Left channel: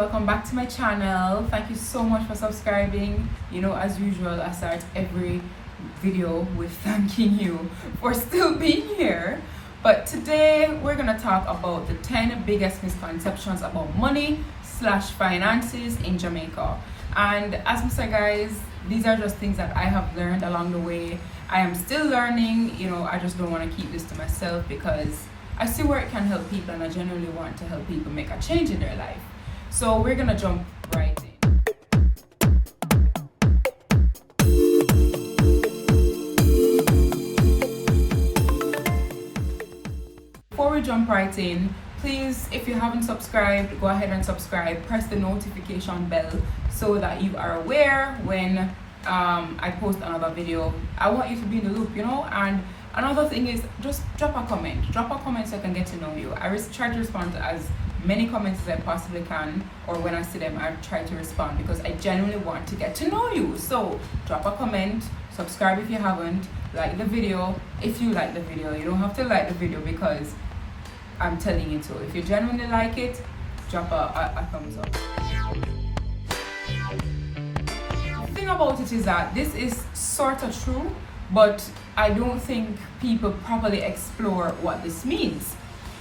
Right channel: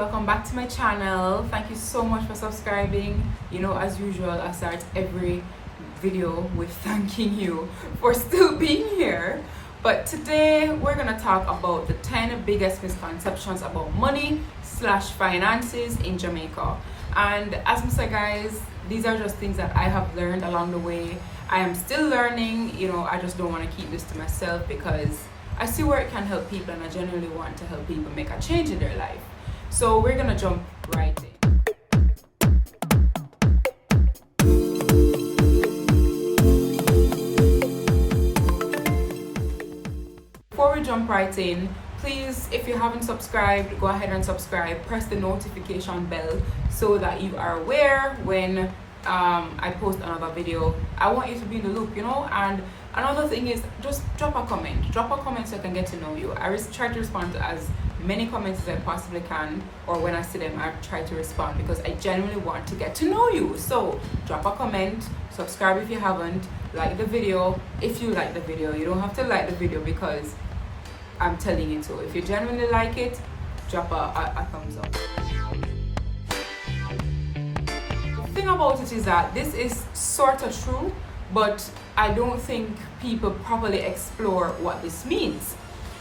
Welcome back to my channel. Thank you so much for subscribing. As usual, I start every video with thanking you for still being here. But today we're gonna talk about the 10 biggest misconceptions about money / finances in Jamaica. And as I said, guys, these are just things that I have learned along the way. I am still learning. I just don't want to keep this to myself because I see where it can help people, and I genuinely want to help people make a change in their life. So we're gonna jump right in. Before we jump right in, please, if you haven't subscribed, go ahead and subscribe. Press the notification bell so that you are aware when I post another video. I want you to be in the loop, and another thing is just drop a comment so I can get to know you. I try to respond to as many comments as I possibly can, or when I see them I try to respond because I genuinely want to get to know you. So drop a comment, subscribe if you haven't, like the video if you like the video. You don't have to like the video because I'm telling you to. If you genuinely like it, drop a thumbs up. The thing about it is that this is sort of true, but I don't think people properly explore what this means.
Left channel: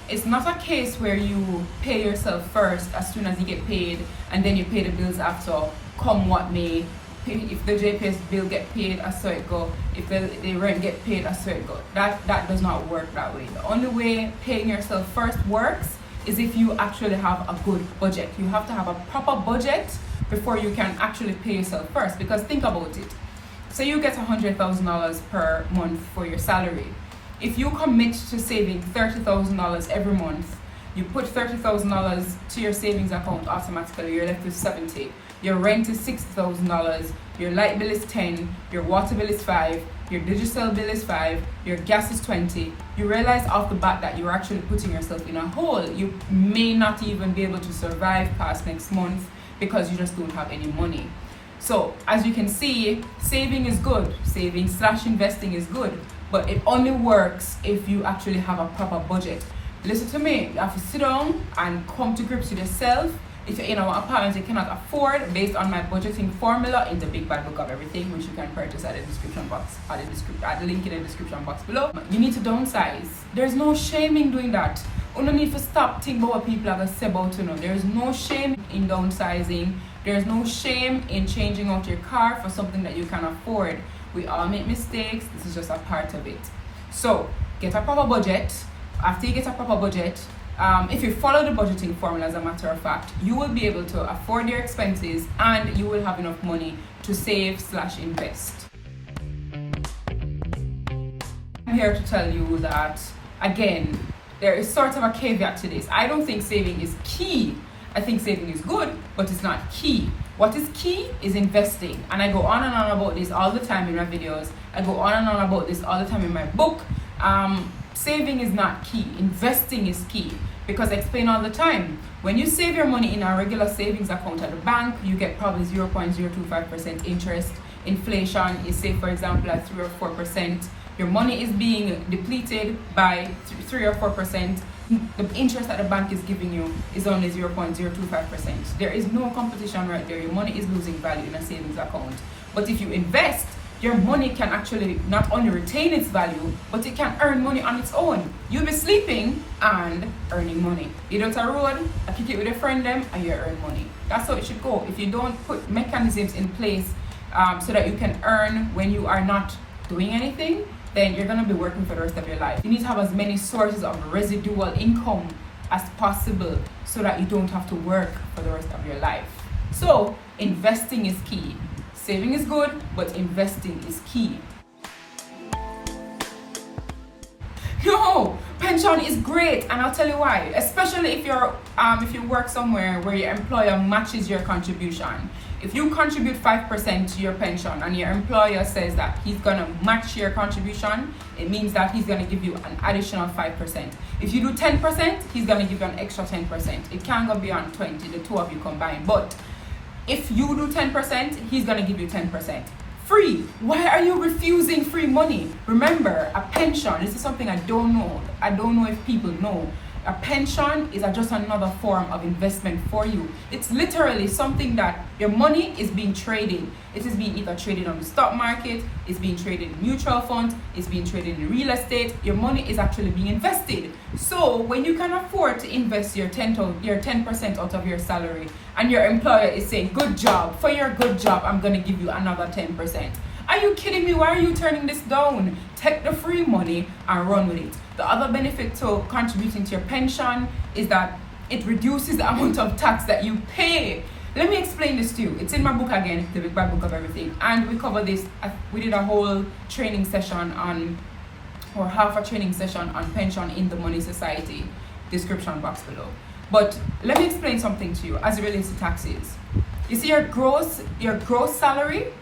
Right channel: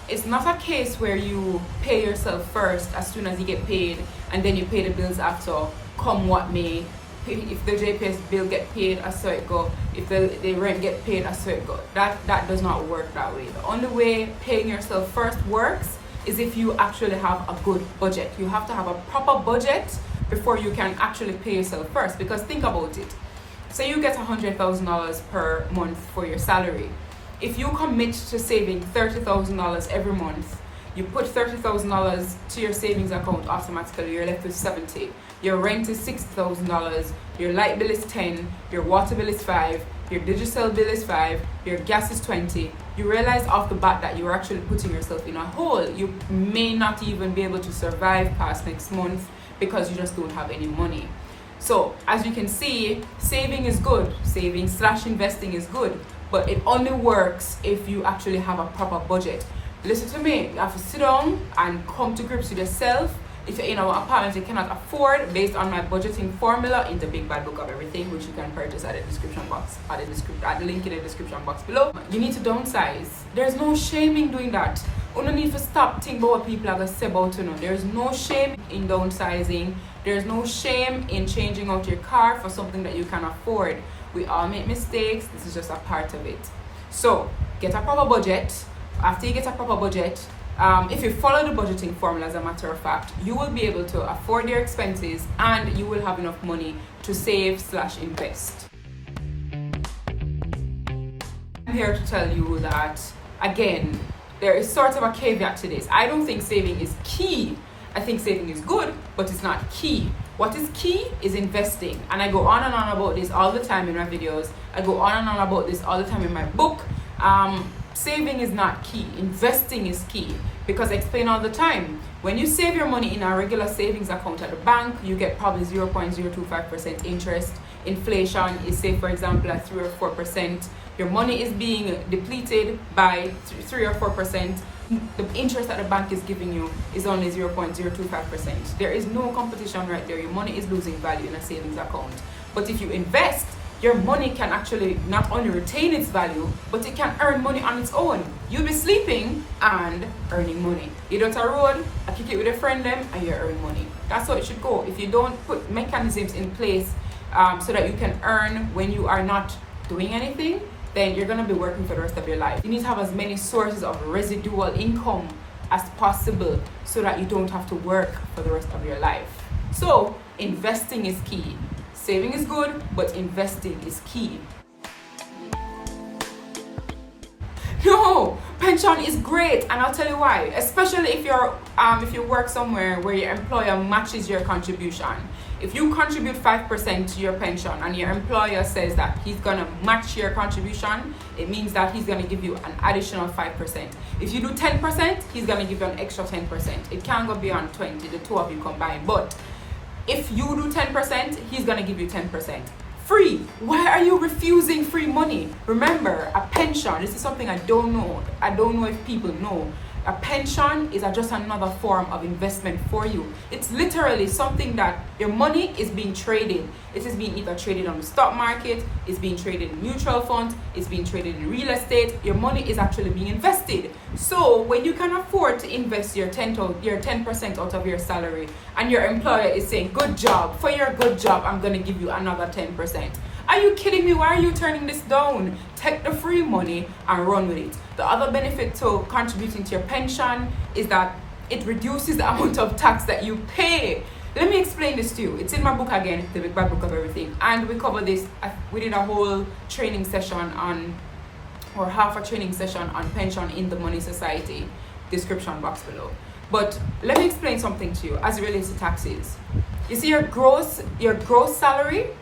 It's not a case where you pay yourself first as soon as you get paid and then you pay the bills after, come what may. If the JPS bill get paid, I saw it go. If the rent get paid, I saw it go. That does not work that way. The only way paying yourself first works is if you actually have a good budget. You have to have a proper budget before you can actually pay yourself first. Because think about it. Say you get $100,000 per month for your salary. If you commit to saving $30,000 every month, you put $30,000 to your savings account automatically, you're left with $70,000. Your rent is $60,000, your light bill is $10,000, your water bill is $5,000, your digital bill is $5,000, your gas is $20,000. You realize off the bat that you're actually putting yourself in a hole. You may not even be able to survive past next month because you just don't have any money. So as you can see, saving is good. Saving / investing is good, but it only works if you actually have a proper budget. Listen to me, you have to sit down and come to grips with yourself. If you're in an apartment you cannot afford, based on my budgeting formula in the Big Bad Book of Everything, which you can purchase at the description box, at the link in the description box below, you need to downsize. There's no shame in doing that. You don't need to stop thinking about what people are going to say about you. There's no shame in downsizing. There's no shame in changing out your car for something that you can afford. We all make mistakes. This is just a part of it. So get a proper budget. After you get a proper budget, if you follow the budgeting formula, as a matter of fact, you will be able to afford your expenses and you will have enough money to save / invest. I'm here to tell you that, again, there is sort of a caveat to this. I don't think saving is key. I think saving is good, but it's not key. What is key is investing. And I go on and on about this all the time in my videos. I go on and on about this all the time in my book. Saving is not key. Investing is key. Because I explain all the time, when you save your money in a regular savings account at the bank, you get probably 0.025% interest. Inflation is, say for example, at 3 or 4%. Your money is being depleted by 3 or 4%. The interest that the bank is giving you is only 0.025%. There is no competition right there. Your money is losing value in a savings account. But if you invest, your money can actually not only retain its value, but it can earn money on its own. You'll be sleeping and earning money. You don't a road, I kick it with a friend them, and you earn money. That's how it should go. If you don't put mechanisms in place so that you can earn when you are not doing anything, then you're gonna be working for the rest of your life. You need to have as many sources of residual income as possible so that you don't have to work for the rest of your life. So investing is key. Saving is good, but investing is key. No, pension is great, and I'll tell you why. Especially if you work somewhere where your employer matches your contribution. If you contribute 5% to your pension and your employer says that he's gonna match your contribution, it means that he's gonna give you an additional 5%. If you do 10%, he's gonna give you an extra 10%. It can't go beyond 20, the two of you combined. But if you do 10%, he's gonna give you 10%. Free. Why are you refusing free money? Remember, a pension, this is something I don't know. I don't know if people know. A pension is just another form of investment for you. It's literally something that your money is being traded. It is being either traded on the stock market, it's being traded in mutual funds, it's being traded in real estate. Your money is actually being invested. So when you can afford to invest your 10% out of your salary, and your employer is saying, good job, for your good job, I'm going to give you another 10%. Are you kidding me? Why are you turning this down? Take the free money and run with it. The other benefit to contributing to your pension is that it reduces the amount of tax that you pay. Let me explain this to you. It's in my book again, The Big Bad Book of Everything. And we cover this. We did a whole training session or half a training session on pension in the Money Society. Description box below. But let me explain something to you as it relates to taxes. You see your gross salary,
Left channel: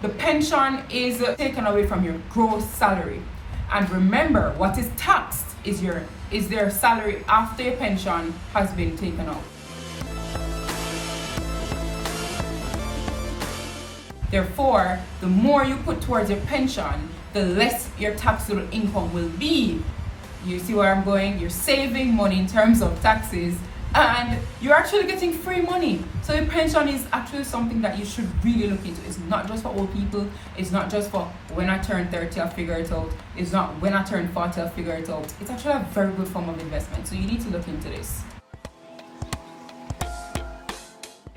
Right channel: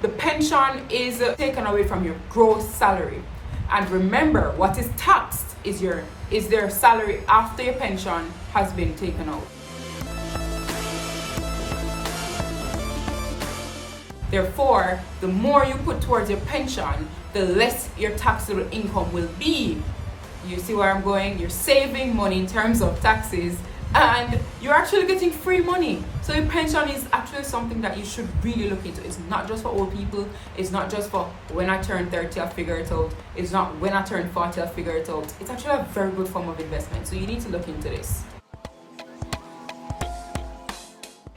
the pension is taken away from your gross salary. And remember, what is taxed is their salary after your pension has been taken out. Therefore, the more you put towards your pension, the less your taxable income will be. You see where I'm going? You're saving money in terms of taxes, and you're actually getting free money. So your pension is actually something that you should really look into. It's not just for old people. It's not just for when I turn 30 I'll figure it out. It's not when I turn 40 I'll figure it out. It's actually a very good form of investment. So you need to look into this.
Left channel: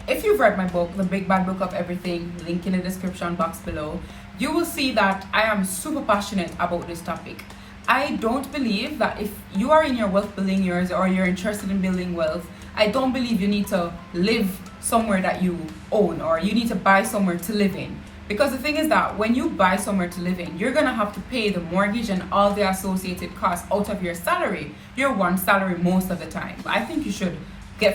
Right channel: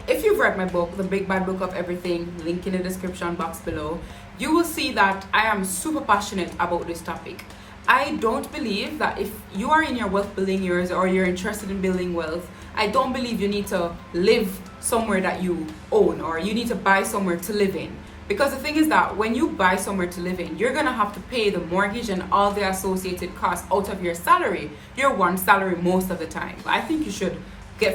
If you've read my book, The Big Bad Book of Everything, link in the description box below, you will see that I am super passionate about this topic. I don't believe that if you are in your wealth building years or you're interested in building wealth, I don't believe you need to live somewhere that you own or you need to buy somewhere to live in. Because the thing is that when you buy somewhere to live in, you're going to have to pay the mortgage and all the associated costs out of your salary, your one salary most of the time. I think you should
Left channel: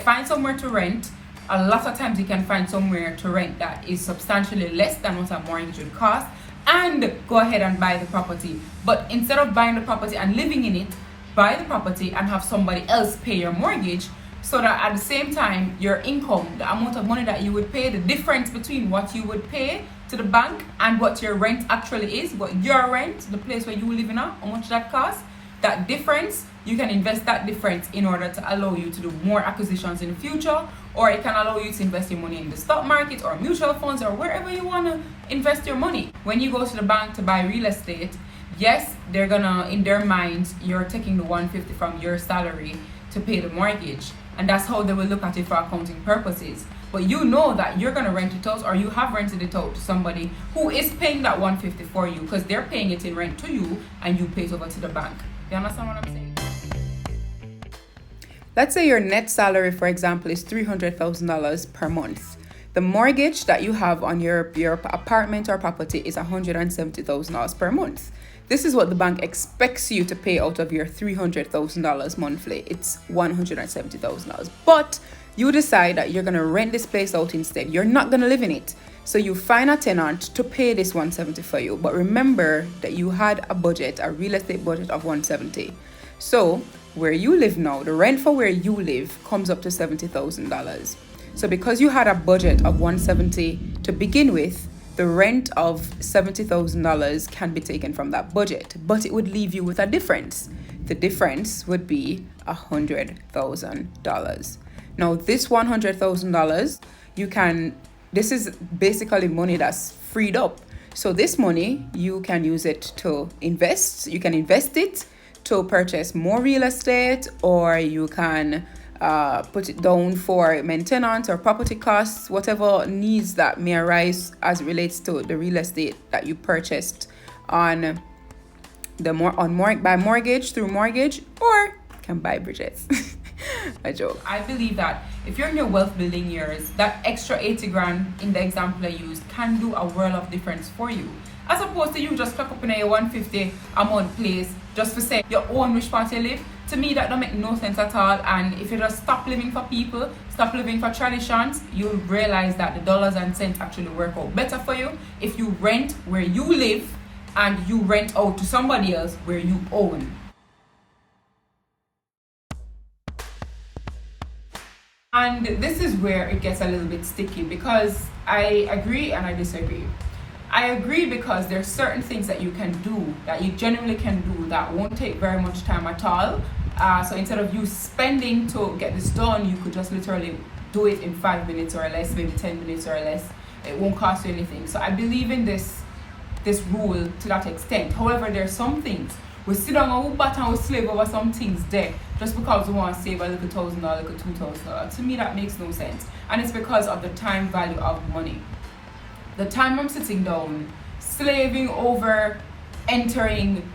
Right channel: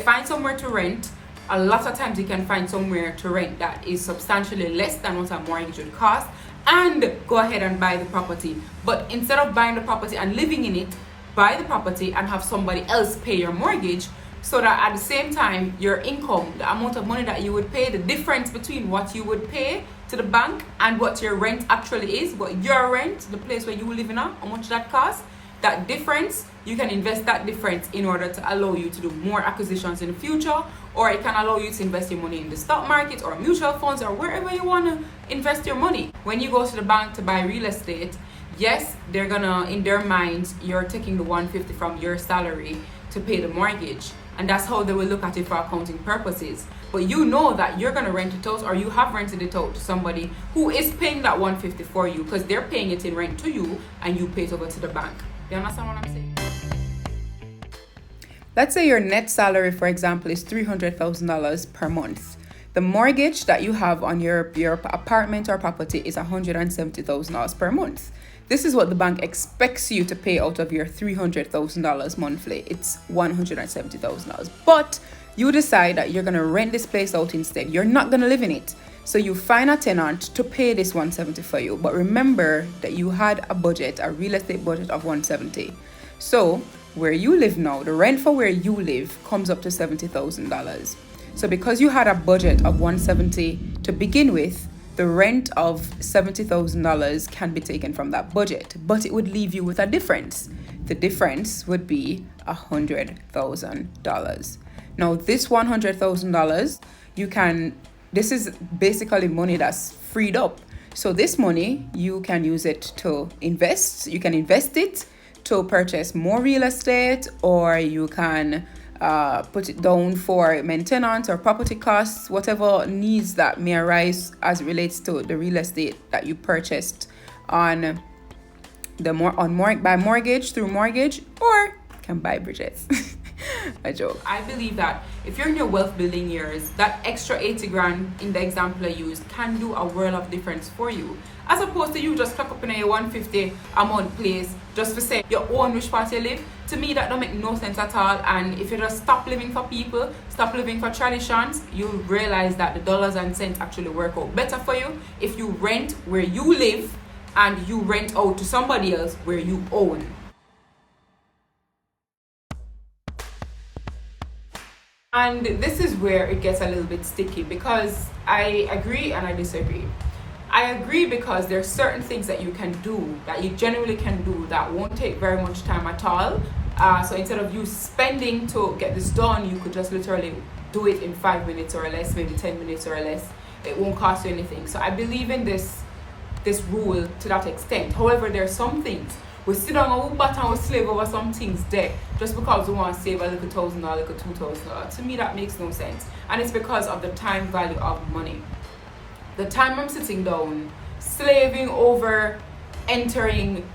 find somewhere to rent. A lot of times you can find somewhere to rent that is substantially less than what a mortgage would cost, and go ahead and buy the property. But instead of buying the property and living in it, buy the property and have somebody else pay your mortgage, so that at the same time your income, the amount of money that you would pay, the difference between what you would pay to the bank and what your rent actually is, what your rent, the place where you live in, how much that costs, that difference, you can invest that difference in order to allow you to do more acquisitions in the future, or it can allow you to invest your money in the stock market or mutual funds or wherever you want to invest your money. When you go to the bank to buy real estate, yes, they're gonna, in their minds, you're taking the 150 from your salary to pay the mortgage, and that's how they will look at it for accounting purposes. But you know that you're gonna rent it out, or you have rented it out to somebody who is paying that 150 for you, because they're paying it in rent to you and you pay it over to the bank. You understand what I'm saying? Let's say your net salary, for example, is $300,000 per month. The mortgage that you have on your apartment or property is $170,000 per month. This is what the bank expects you to pay out of your $300,000 monthly. It's $170,000. But you decide that you're going to rent this place out instead. You're not going to live in it. So you find a tenant to pay this $170 for you. But remember that you had a budget, a real estate budget of $170. So where you live now, the rent for where you live comes up to $70,000. So because you had a budget of $170 to begin with, the rent of $70,000 can be taken from that budget, but it would leave you with a difference. The difference would be $100,000. Now this $100,000, this is basically money that's freed up. So this money, you can use it to invest. You can invest it to purchase more real estate, or you can put it down for maintenance or property costs, whatever needs that may arise as it relates to the real estate that you purchased by mortgage, through mortgage, or can buy bridges. A joke. I believe that if you're in your wealth building years, that extra 80 grand in the example I used can do a world of difference for you, as opposed to you just clock up in a 150 a month place just for say your own which part you live. To me, that don't make no sense at all. And if you just stop living for people, stop living for traditions, you'll realize that the dollars and cents actually work out better for you if you rent where you live and you rent out to somebody else where you own. And this is where it gets a little bit sticky, because I agree and I disagree. I agree because there's certain things that you can do, that you genuinely can do, that won't take very much time at all, So instead of you spending to get this done, you could just literally do it in 5 minutes or less, maybe 10 minutes or less. It won't cost you anything. So I believe in this rule to that extent. However, there are some things we sit down and we bat and we slave over some things there just because we want to save a little $1,000, a little $2,000. To me, that makes no sense. And it's because of the time value of money. The time I'm sitting down, slaving over entering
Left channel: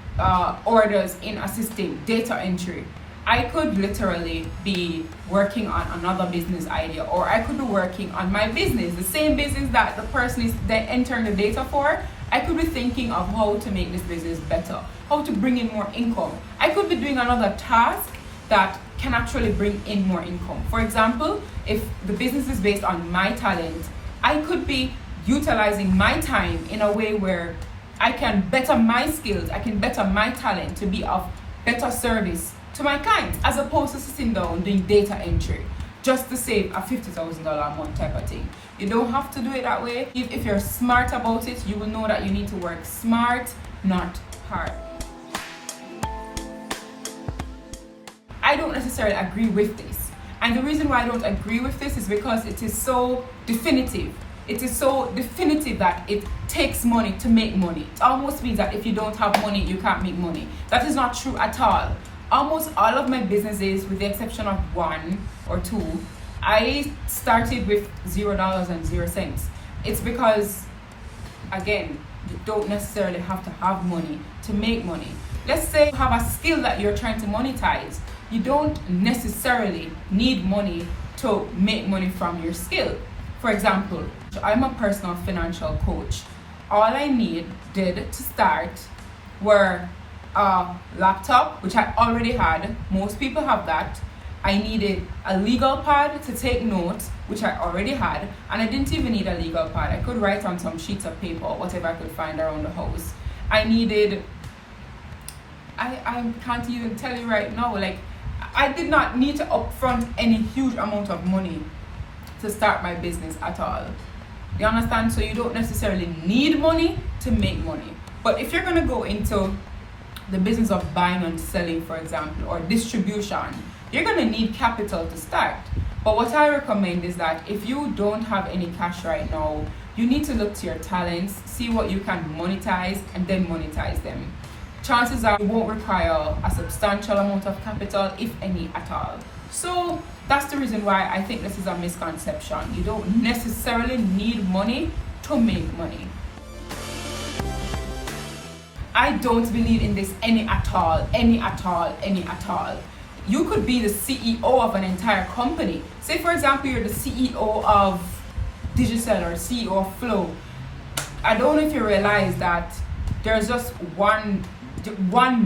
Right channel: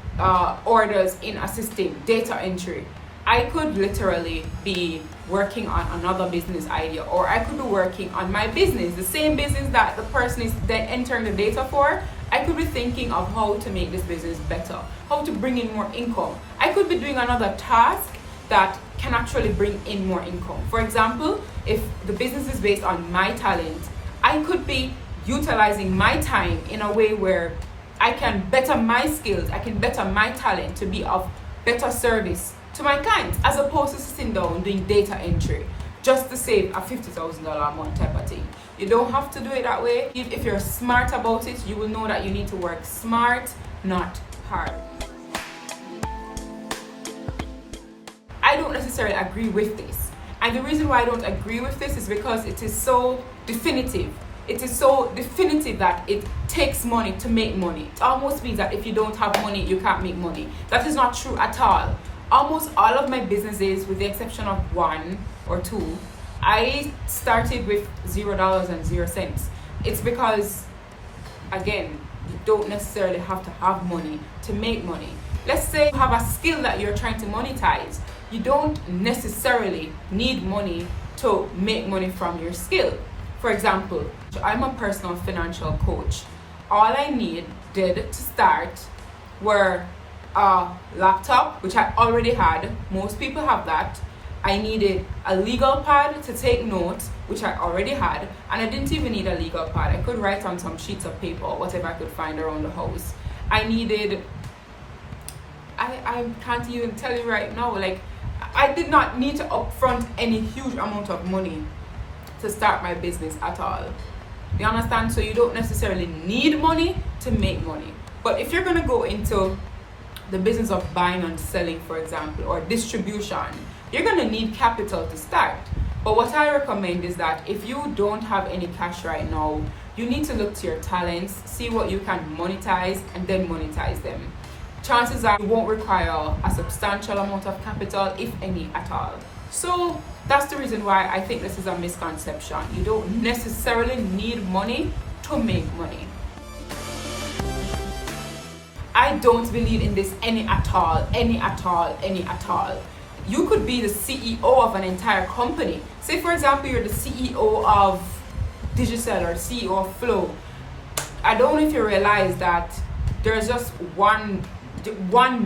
orders in a system, data entry, I could literally be working on another business idea, or I could be working on my business, the same business that the person is then entering the data for. I could be thinking of how to make this business better, how to bring in more income. I could be doing another task that can actually bring in more income. For example, if the business is based on my talent, I could be utilizing my time in a way where I can better my skills, I can better my talent to be of better service to my clients, as opposed to sitting down doing data entry just to save a $50,000 a month type of thing. You don't have to do it that way. If you're smart about it, you will know that you need to work smart, not hard. I don't necessarily agree with this. And the reason why I don't agree with this is because it is so definitive. It is so definitive that it takes money to make money. It almost means that if you don't have money, you can't make money. That is not true at all. Almost all of my businesses, with the exception of 1 or 2, I started with $0 and 0 cents. It's because, again, you don't necessarily have to have money to make money. Let's say you have a skill that you're trying to monetize. You don't necessarily need money to make money from your skill. For example, I'm a personal financial coach. All I needed to start were a laptop, which I already had. Most people have that. I needed a legal pad to take notes, which I already had. And I didn't even need a legal pad. I could write on some sheets of paper or whatever I could find around the house. I can't even tell you right now, like, I did not need to upfront any huge amount of money to start my business at all. You understand? So you don't necessarily need money to make money. But if you're going to go into the business of buying and selling, for example, or distribution, you're going to need capital to start. But what I recommend is that if you don't have any cash right now, you need to look to your talents, see what you can monetize, and then monetize them. Chances are you won't require a substantial amount of capital, if any at all. So that's the reason why I think this is a misconception. You don't necessarily need money to make money. I don't believe in this any at all. You could be the CEO of an entire company. Say, for example, you're the CEO of Digicel or CEO of Flow. I don't know if you realize that there's just one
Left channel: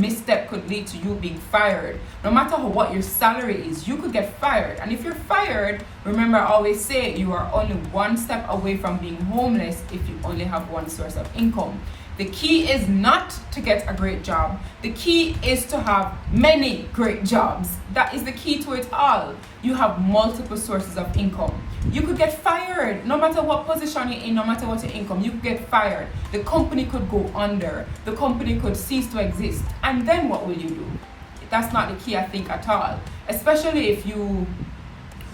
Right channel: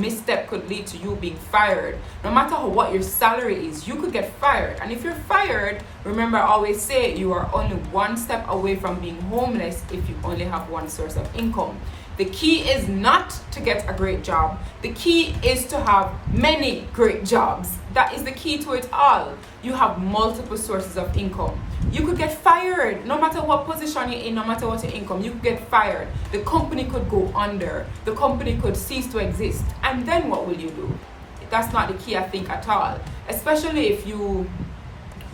misstep could lead to you being fired. No matter what your salary is, you could get fired. And if you're fired, remember, I always say you are only one step away from being homeless if you only have one source of income. The key is not to get a great job. The key is to have many great jobs. That is the key to it all. You have multiple sources of income. You could get fired no matter what position you're in, no matter what your income. You could get fired. The company could go under. The company could cease to exist. And then what will you do? That's not the key, I think, at all. Especially if you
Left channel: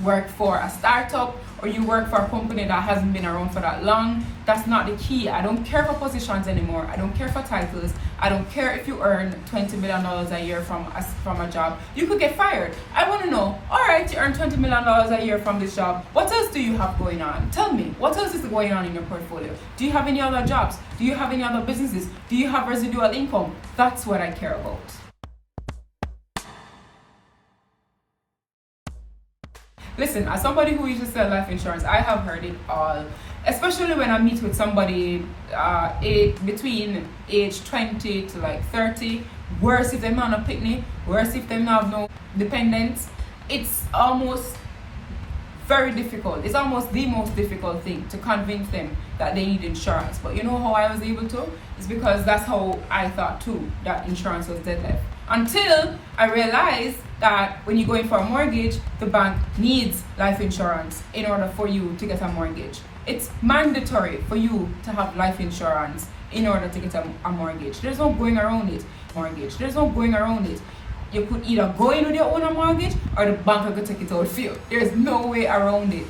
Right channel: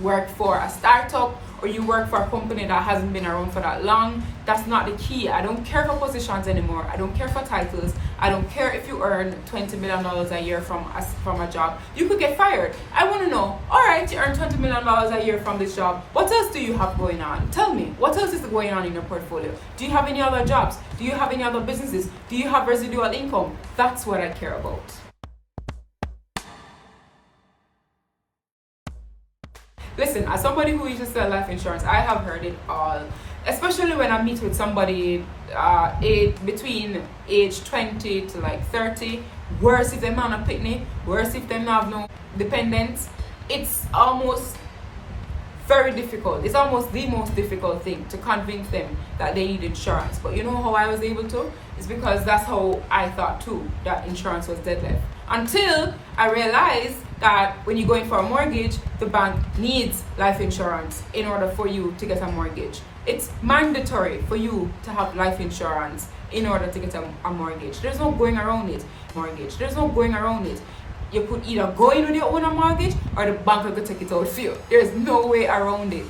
work for a startup or you work for a company that hasn't been around for that long. That's not the key. I don't care for positions anymore. I don't care for titles. I don't care if you earn $20 million a year from a job. You could get fired. I want to know, all right, you earn $20 million a year from this job. What else do you have going on? Tell me, what else is going on in your portfolio? Do you have any other jobs? Do you have any other businesses? Do you have residual income? That's what I care about. Listen, as somebody who used to sell life insurance, I have heard it all. Especially when I meet with somebody between age 20 to like 30. Worse if they're not a pitney. Worse if they have no dependents. It's almost very difficult. It's almost the most difficult thing to convince them that they need insurance. But you know how I was able to? It's because that's how I thought too, that insurance was dead left. Until I realized that when you go in for a mortgage, the bank needs life insurance in order for you to get a mortgage. It's mandatory for you to have life insurance in order to get a mortgage. There's no going around it. There's no going around it. you could either go in with your own mortgage or the bank will take it out for you. There's no way around it.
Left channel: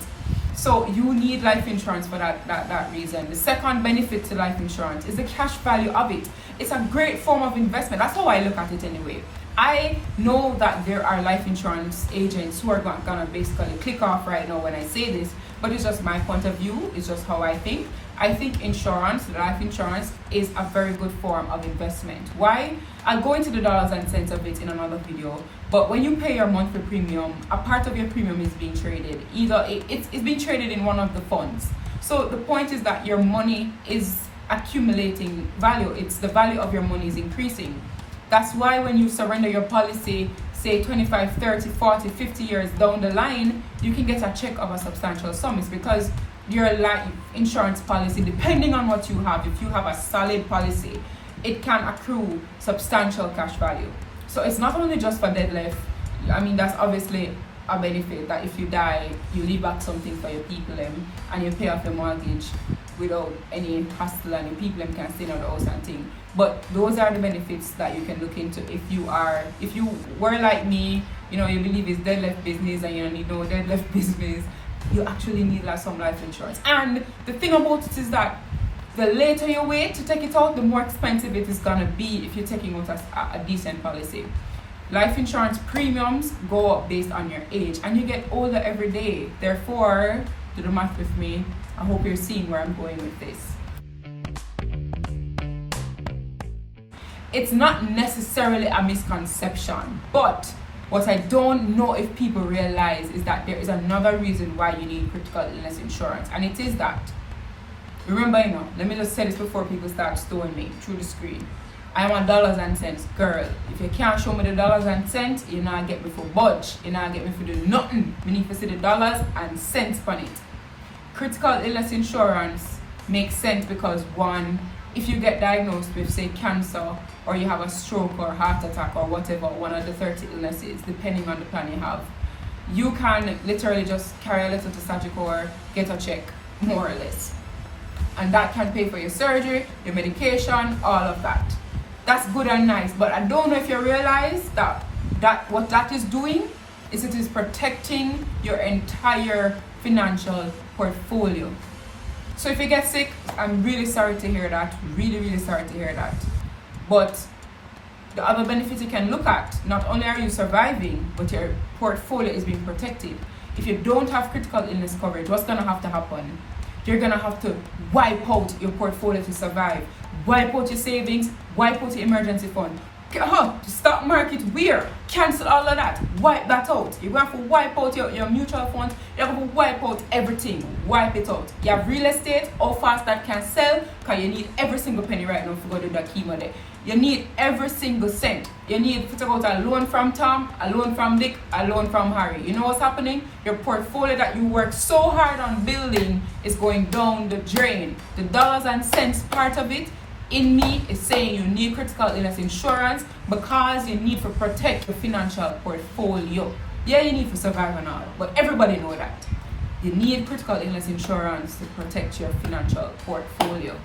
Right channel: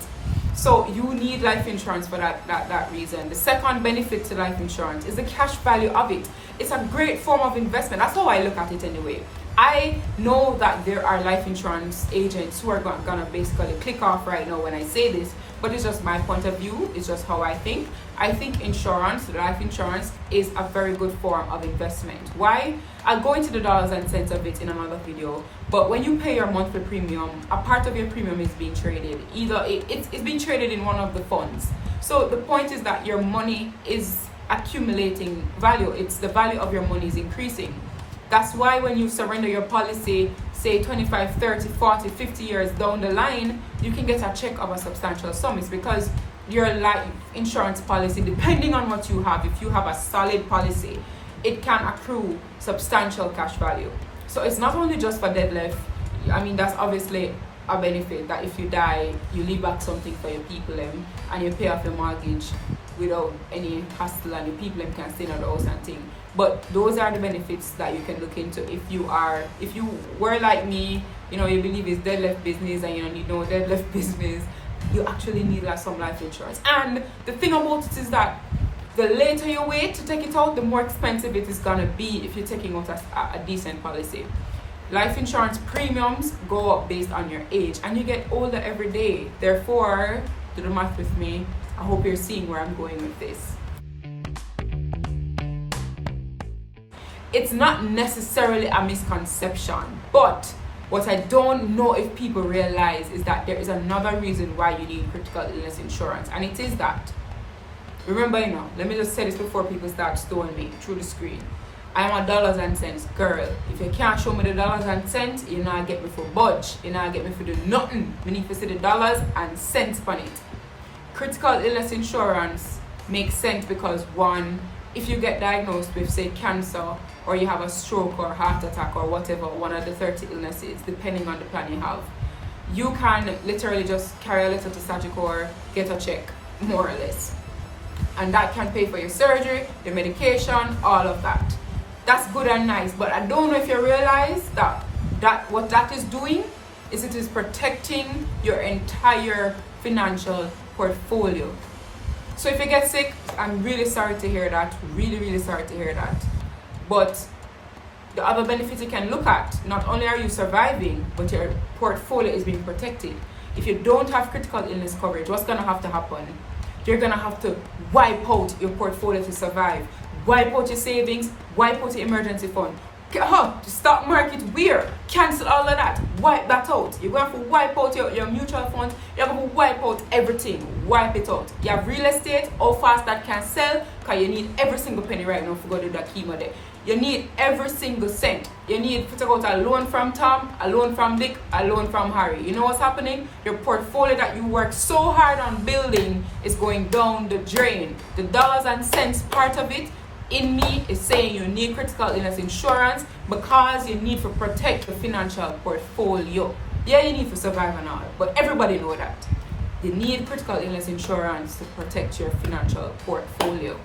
So you need life insurance for that reason. The second benefit to life insurance is the cash value of it. It's a great form of investment. That's how I look at it anyway. I know that there are life insurance agents who are gonna basically click off right now when I say this, but it's just my point of view. It's just how I think. I think life insurance, is a very good form of investment. Why? I'll go into the dollars and cents of it in another video. But when you pay your monthly premium, a part of your premium is being traded. Either it's being traded in one of the funds. So the point is that your money is accumulating value. It's the value of your money is increasing. That's why when you surrender your policy, say 25, 30, 40, 50 years down the line, you can get a check of a substantial sum. It's because your life insurance policy, depending on what you have, if you have a solid policy, it can accrue substantial cash value. So it's not only just for dead left. I mean, that's obviously a benefit, that if you die, you leave back something for your people and you pay off your mortgage without any hassle, and your people can stay in the house and thing. But those are the benefits that you can look into if you were like me, you believe it's dead left business and you don't need no dead left business. You actually need some life insurance. And the thing about it is that the later you wait to take it out, the more expensive it is gonna be if you're taking out a decent policy. Life insurance premiums go up based on your age, and you get older every day. Therefore, do the math with me. I hope you're seeing where I'm going with this. It's not necessarily a misconception, but what I don't know if people realize is that there is another reason why you need critical illness insurance, and it is that, remember, let me just say this before people start stoning me through the screen. I am a dollars and cents girl. If you can't show me the dollars and cents, you're not get me for budge. You're not get me for do nothing. We need to see the dollars and cents on it. Critical illness insurance makes sense because, one, if you get diagnosed with, say, cancer, or you have a stroke or heart attack or whatever, one of the 30 illnesses, depending on the plan you have, you can literally just carry a letter to Sagicor or get a check, more or less. And that can pay for your surgery, your medication, all of that. That's good and nice, but I don't know if you realize that what that is doing is it is protecting your entire financial portfolio. So if you get sick, I'm really sorry to hear that. Really, really sorry to hear that. But the other benefits you can look at, not only are you surviving, but your portfolio is being protected. If you don't have critical illness coverage, what's going to happen? You're going to have to wipe out your portfolio to survive. Wipe out your savings, wipe out your emergency fund. The stock market, where? Cancel all of that. Wipe that out. You're going to have to wipe out your mutual funds. You're going to wipe out everything. Wipe it out. You have real estate, how fast that can sell, because you need every single penny right now to go do that chemo there. You need every single cent. You need to take out a loan from Tom, a loan from Dick, a loan from Harry. You know what's happening? Your portfolio that you work so hard on building is going down the drain. The dollars and cents part of it in me is saying you need critical illness insurance because you need to protect your financial portfolio. Yeah, you need to survive and all, but everybody know that. You need critical illness insurance to protect your financial portfolio.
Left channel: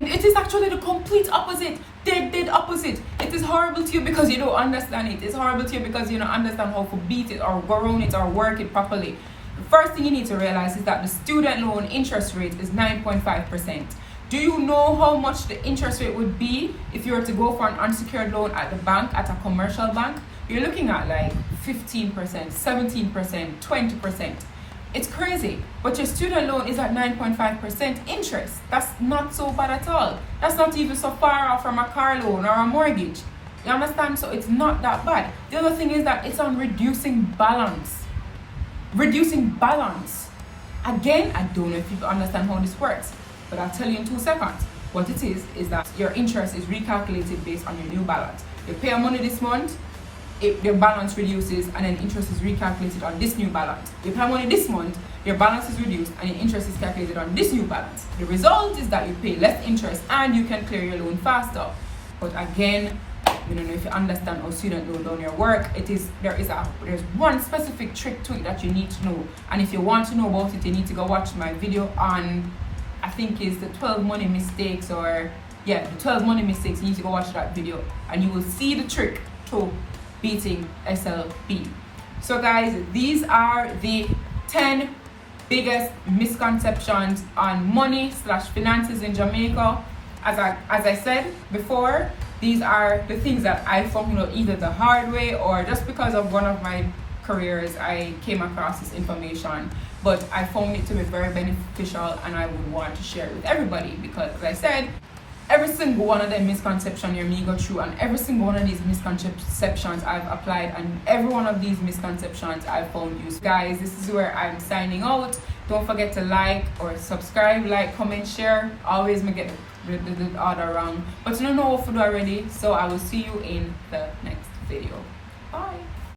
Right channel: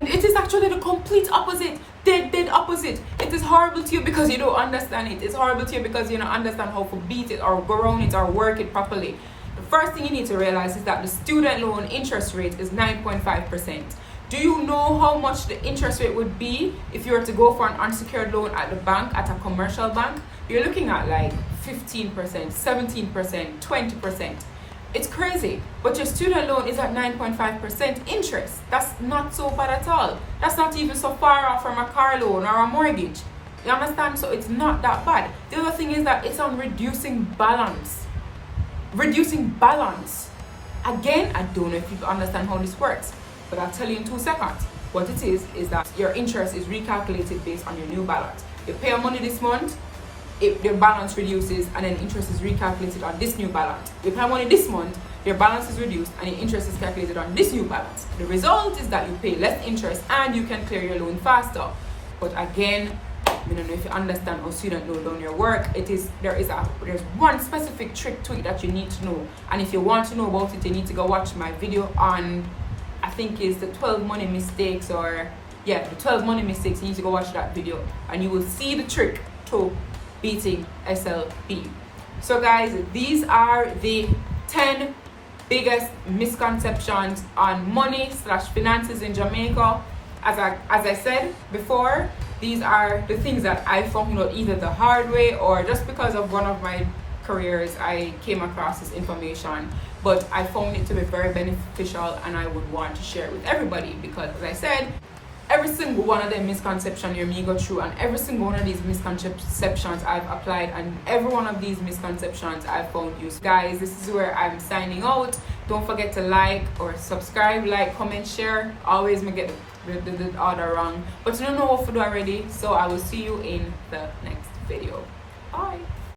It is actually the complete opposite, dead opposite. It is horrible to you because you don't understand it. It's horrible to you because you don't understand how to beat it or go around it or work it properly. The first thing you need to realize is that the student loan interest rate is 9.5%. Do you know how much the interest rate would be if you were to go for an unsecured loan at the bank, at a commercial bank? You're looking at like 15%, 17%, 20%. It's crazy. But your student loan is at 9.5% interest. That's not so bad at all. That's not even so far off from a car loan or a mortgage. You understand? So it's not that bad. The other thing is that it's on reducing balance. Reducing balance. Again, I don't know if people understand how this works, but I'll tell you in 2 seconds. What it is that your interest is recalculated based on your new balance. You pay your money this month, your balance reduces, and then interest is recalculated on this new balance. You pay money this month, your balance is reduced, and your interest is calculated on this new balance. The result is that you pay less interest and you can clear your loan faster. But again, I don't know if you understand how student loan down your work. There's one specific trick to it that you need to know, and if you want to know about it, you need to go watch my video on, I think it's the 12 money mistakes, or yeah, the 12 money mistakes, you need to go watch that video and you will see the trick to beating SLP. So guys, these are the 10 biggest misconceptions on money / finances in Jamaica. As I said before, these are the things that I found out either the hard way or just because of one of my careers I came across this information, but I found it to be very beneficial and I would want to share it with everybody because, as I said, every single one of them misconceptions here me go through, and every single one of these misconceptions I've applied, and every one of these misconceptions I've found useful. Guys, this is where I'm signing out. Don't forget to like or subscribe, like, comment, share. Always may get the order wrong, but you don't know what to do already, so I will see you in the next video. Bye.